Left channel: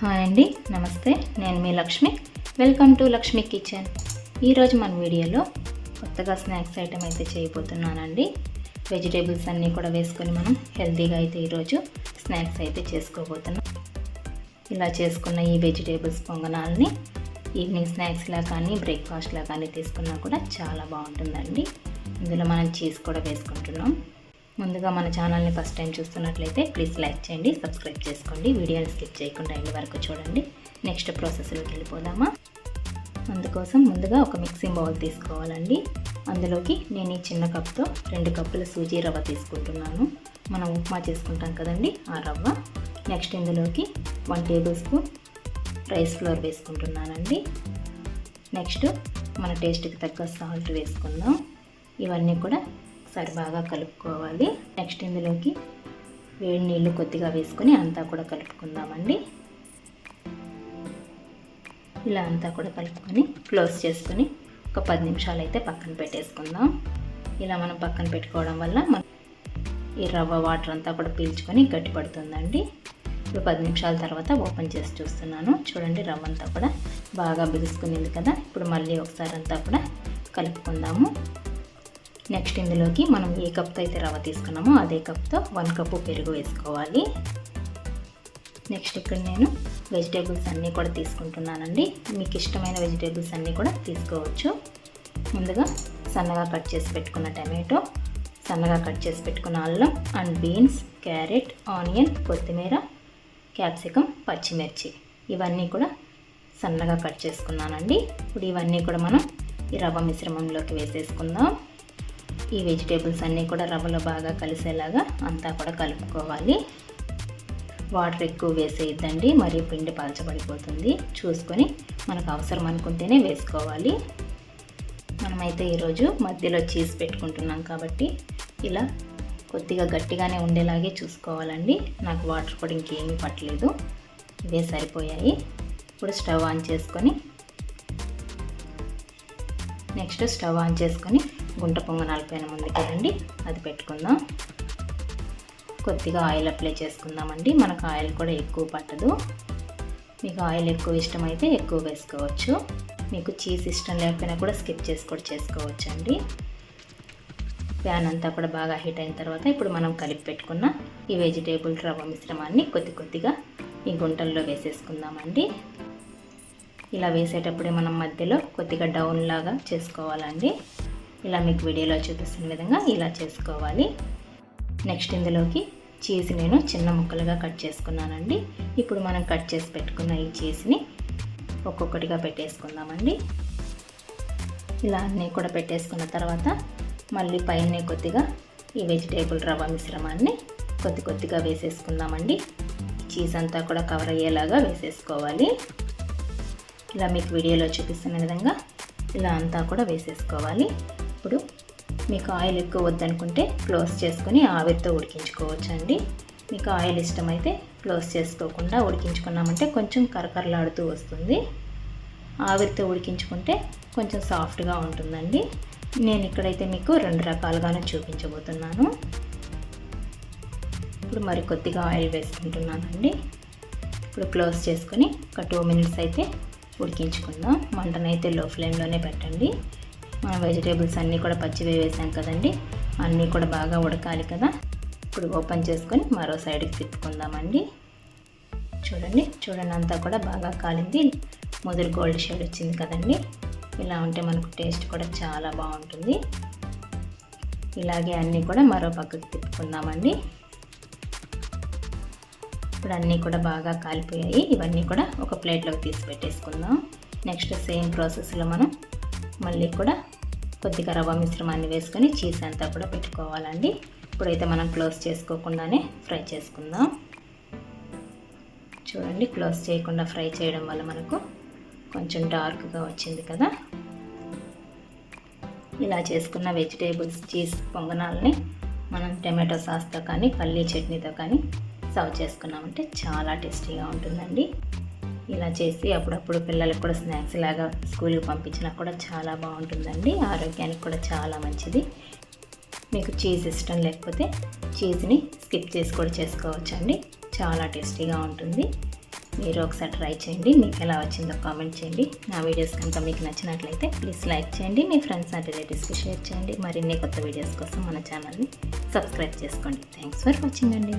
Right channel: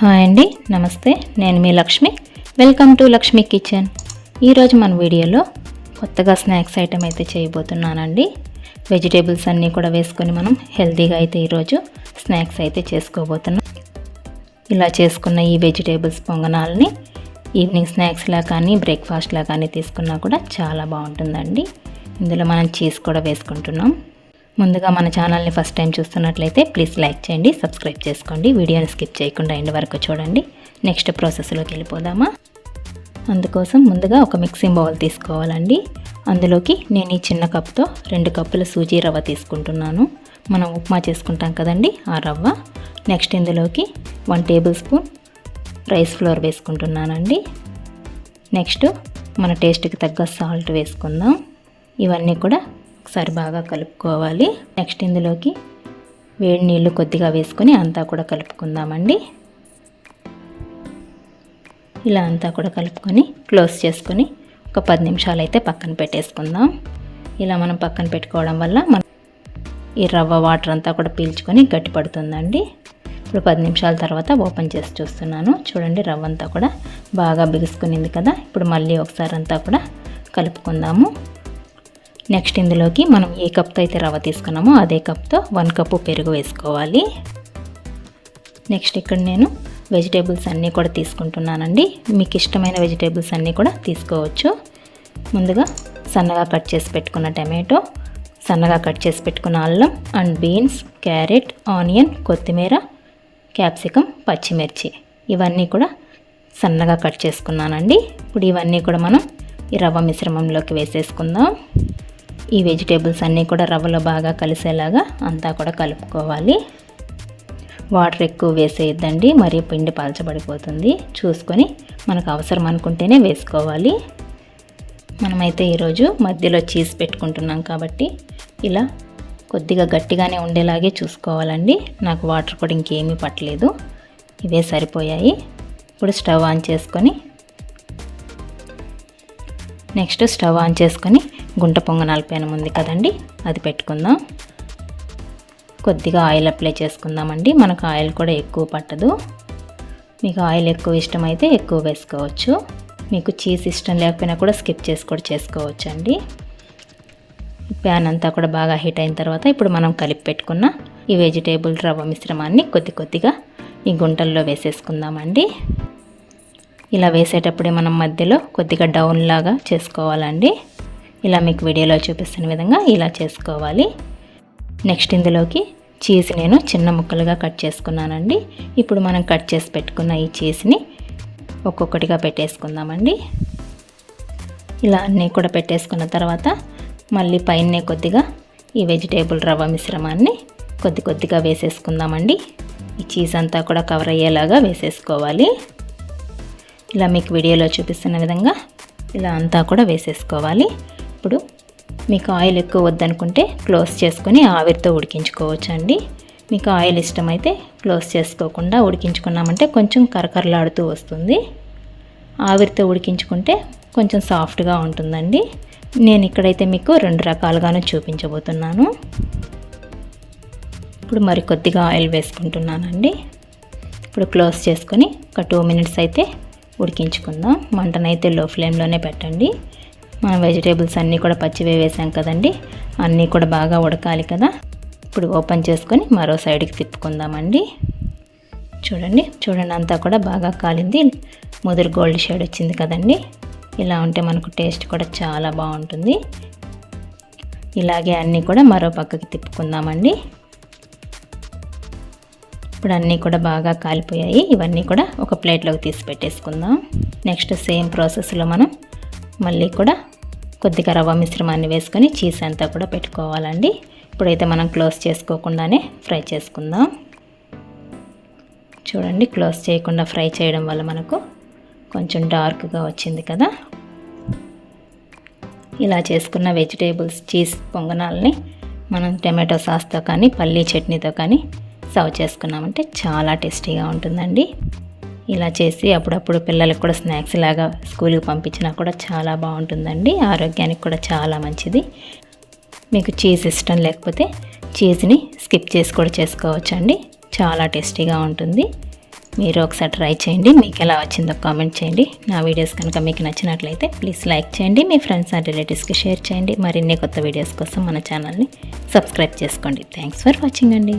Hi అండి నమస్తే నేను మీ Lakshmi. Welcome to Lakshmi kitchen. ఈరోజు మన వీడియోలో కొత్తగా స్నాక్స్ ఐటెం అయితే చేయబోతున్నానండి. వెజిటేబుల్స్ అన్నీ కూడా వేసుకొని మనం హెల్తీగా అయితే ఈరోజు స్నాక్స్ అయితే చేసుకోబోతున్నాం. ఇలా చేసుకున్న ఈ వెజిటేబుల్స్ పొంగనాలని ఈవినింగ్ స్నాక్స్లా కానీ బ్రేక్ఫాస్ట్లా కానీ తీసుకున్నా కూడా చాలా బాగుంటుందండి. ఇందులో మనం చీజ్ కూడా వేసుకుంటున్నాం. ముందుగా మన ఛానల్ని ఫస్ట్ టైం చూస్తున్నట్లయితే ప్లీజ్ లైక్ చేయండి సబ్స్క్రైబ్ చేసుకోండి. వీడియోని స్కిప్ చేయకుండా ఎండ్ వరకు చూడండి. నెక్స్ట్ ప్రాసెస్లోకి వెళ్ళిపోదామా? అందుకోసం ముందుగా ఒక మిక్సింగ్ బౌల్ తీసుకోవాలండి. అందులోకి నేను ఈ చిన్న కప్తో రెండు కప్పుల సూజీ రవ్వ తీసుకుంటున్నాను. మనం ఉప్మా చేసుకుంటాం కదండి ఆ రవ్వ. నెక్స్ట్ ఇందులోకి one tablespoon rice flour వేసుకుంటున్నానండి. నెక్స్ట్ మన టేస్ట్కి తగ్గ సాల్ట్ వేసుకుందాం. ఇవన్నీ కూడా ఒకసారి బాగా కలుపుకోవాలి. నెక్స్ట్ ఇందులోకి వేడి నీళ్ళు కొద్దిగా వేసుకొని అంతా కూడా కలుపుకుందామండి. ఇలా అంతా కూడా కలుపుకొని క్లోజ్ చేసుకొని ఒక పది నిమిషాలు అయితే పక్కన పెట్టేసుకుందాం. ఇలా మనం పక్కన పెట్టుకోవడం వల్ల మన ఈ రవ్వ వాటర్ అంతా కూడా పీల్చుకొని గట్టి పడుతుందండి. ఇప్పుడు పది నిమిషాల తర్వాత ఓపెన్ చేసి చూస్తున్నాను. చూడండి రవ్వ అంతా కూడా బాగా బిగుసుకునింది కదా. ఇప్పుడు మళ్ళీ ఒకసారి అంతా కూడా కలుపుకుందాము. నెక్స్ట్ ఇందులోకి మనం ఏ కప్తో అయితే రవ్వ తీసుకున్నామో అదే కప్తో వన్ కప్పు పెరుగు వేసుకోవాలి. నెక్స్ట్ ఇక్కడ నేను వెజిటేబుల్స్ అన్నీ కూడా తీసుకుంటున్నానండి. మీకు ఇష్టమైన వెజిటేబుల్స్ అన్నీ కూడా తీసుకోవచ్చు. ముందుగా సన్నగా కట్ చేసి పెట్టుకున్న టమాటో సన్నగా కట్ చేసి పెట్టుకున్న అల్లం అండ్ బీన్స్ క్యారెట్ ఆనియన్ కొత్తిమీర క్యాప్సికమ్ పచ్చిమిర్చి ఇవన్నీ కూడా సన్నగా కట్ చేసుకున్నానండి. ఇప్పుడు ఇవన్నీ కూడా మనం ఈ రవ్వ మిశ్రమంలోకి వేసేసుకుందాం. ఈ వెజిటేబుల్స్ అన్నీ కూడా రవ్వలో బాగా కలిసేలాగా అంతా కూడా కలుపుకోవాలి. వాటర్ ఎక్కువ వేసేయద్దండి మరి పిండి పలచబడిపోతుంది. చూసుకొని మనకు అవసరం అనుకుంటేనే వేసుకోవాలి. మనమైతే ఈరోజు మధ్యలో చీజ్ పెట్టుకుంటున్నాం కాబట్టి ఇలా కొద్దిగా గట్టిగానే ఉండేలాగే చూసుకోవాలండి. నాకు వాటర్ కూడా ఇంకేమీ పట్టలేదు. ఇవే సరిపోయాయి. ఇప్పుడు స్టవ్ ఆన్ చేసుకొని నెక్స్ట్ స్టవ్ ఆన్ చేసుకొని గుంట పొంగనాల పెనం ఉంది కదండి అది పెట్టుకుందాం. కొద్దిగా ఆయిల్ అప్లై చేసుకుందామండి మనకు ఆయిల్ కూడా ఎక్కువ పట్టదు. మీకు ఆయిల్ ఎక్కువ ఇష్టమైతే ఎక్కువ వేసుకోవచ్చు. మీకు చీజ్ ఇష్టం లేకపోయినా కూడా స్కిప్ చేసి కూడా చేసుకోవచ్చు అండి ప్యాన్ అంతా కూడా బాగా హీట్ అయిన తర్వాత ఇప్పుడు మనం కలిపి పెట్టుకున్న ఈ వెజిటేబుల్ రవ్వ మిశ్రమాన్ని కొద్ది కొద్దిగా ఈ గుంటల్లో వేసేసుకుందామండి. ఇలా వేసేటప్పుడే మనం మధ్యలో కొద్దిగా డౌన్ లాగా చేసుకోవాలండి. ఇలా మీకు వీడియోలో చూపిస్తున్న విధంగా ఇలా చేసుకోవాలి. నెక్స్ట్ ఇందులోకి చీజ్ నేను చిన్న ముక్కలుగా కట్ చేసుకున్నానండి. ఇప్పుడు మనం కట్ చేసి పెట్టుకున్న ఈ చీజ్ని ఒక్కొక్కటిగా పెట్టేసుకుందామండి. ఇలా అన్నీ కూడా పెట్టేసుకున్న తర్వాత మళ్ళీ పైనే కొద్దిగా ఈ వెజిటేబుల్ రవ్వ మిశ్రమాన్ని కొద్ది కొద్దిగా వేసేసుకుందామండి. ఈ చీజ్ అంతా కూడా కవర్ అయ్యేలాగా వేసేసుకోవాలి. ఇలా మీకు వీడియోలో చూపిస్తున్న విధంగా ఇలా అంతా కూడా వేసేసుకోవాలి. ఇప్పుడు మీకు ఆయిల్ ఎక్కువ వద్దనుకుంటే క్లోజ్ చేసుకొని ఆవిరితో ఉడికించుకోవచ్చు అండి మీకు ఆయిల్ ఇష్టమైతే క్లోజ్ చేసుకోకుండా ఉడికించుకున్నామంటే కొంచెం కరకరలాడుతూ వస్తుంది. ఆవిరితో ఉడికించుకుంటే కొంచెం సాఫ్ట్గా ఉంటుందండి. నేను ఇక్కడైతే మీకు రెండు రకాలుగాను చూపించబోతున్నాను. ఇప్పుడు మరి కొద్దిగా ఆయిల్ వేసుకుంటున్నానండి. ఇప్పుడు క్లోజ్ చేసుకొని ఒక టూ మినిట్స్ అయితే ఉడికించుకుందాం. మంటనైతే లో ఫ్లేమ్లోనే పెట్టండి. మనం వెజిటేబుల్స్ అన్నీ కూడా పచ్చివే వేసాం కదండి. అన్నీ కూడా బాగా ఉడకాలి కదా. ఇప్పుడు ఓపెన్ చేసుకొని మరో సైడ్కి తిప్పుకుందామండి. చూడండి చూడండి అంతా కూడా బాగా కాలింది. ముదురు గోల్డ్ షేడ్ వచ్చింది కదండి. ఇలా ఉంటే మనకు టేస్ట్ కూడా చాలా బాగుంటుంది. ఇలాగే అన్నీ కూడా మరో పక్కకి తిప్పుకుందామండి. ఇప్పుడు అన్నీ కూడా బాగా కాలిపోయాయి. ఇవన్నీ కూడా ఒక ప్లేట్లోకి తీసి పెట్టేసుకుందాం. నెక్స్ట్ సేమ్ ప్రాసెస్లో మనం మళ్ళీ కూడా కొద్దిగా రవ్వ మిశ్రమాన్ని వేసుకొని చీజ్ అంతా కూడా పెట్టుకోవాలండి. ఇప్పుడైతే మనం క్లోజ్ చేసుకోకుండానే ఫ్రై చేసుకుందాం. చూడండి క్లోజ్ చేయకుండా ఫ్రై చేయడం వల్ల మనకు కొంచెం డార్క్గా వచ్చింది కదా. ఇలా చేసుకున్న వెజిటేబుల్స్ చీజ్ పొంగనాలని మనం టమాటో సాస్తో కానీ పల్లీ చట్నీతో కానీ సర్వ్ చేసుకున్నామంటే చాలా టేస్టీగా ఉంటుందండి. ఇలా చేసి అప్పుడప్పుడు పిల్లలకు కూడా స్నాక్స్ లాగా స్కూల్కి పంపించినా కూడా చాలా బాగుంటుందండి. ఆరోగ్యానికి కూడా చాలా మంచిది. మీకు చీజ్ ఇష్టం లేకపోతే చీజ్ని స్కిప్ చేసి కూడా చేసుకోవచ్చు అండి చాలా టేస్టీగా ఉంటుంది. మీరు ఒకసారి ట్రై చేయండి. మీకు ఎలా వచ్చిందో కామెంట్ చేయండి. నా వీడియోస్ కనుక మీకు నచ్చినట్లయితే ప్లీజ్ లైక్ చేయండి. మీ ఫ్రెండ్స్ అండ్ రిలేటివ్స్కి షేర్ చేయండి. మరిన్ని కొత్త వీడియోస్ కోసం మన ఛానల్ని సబ్స్క్రైబ్ చేసుకోండి. థ్యాంక్స్ ఫర్ వాచింగ్ అండి.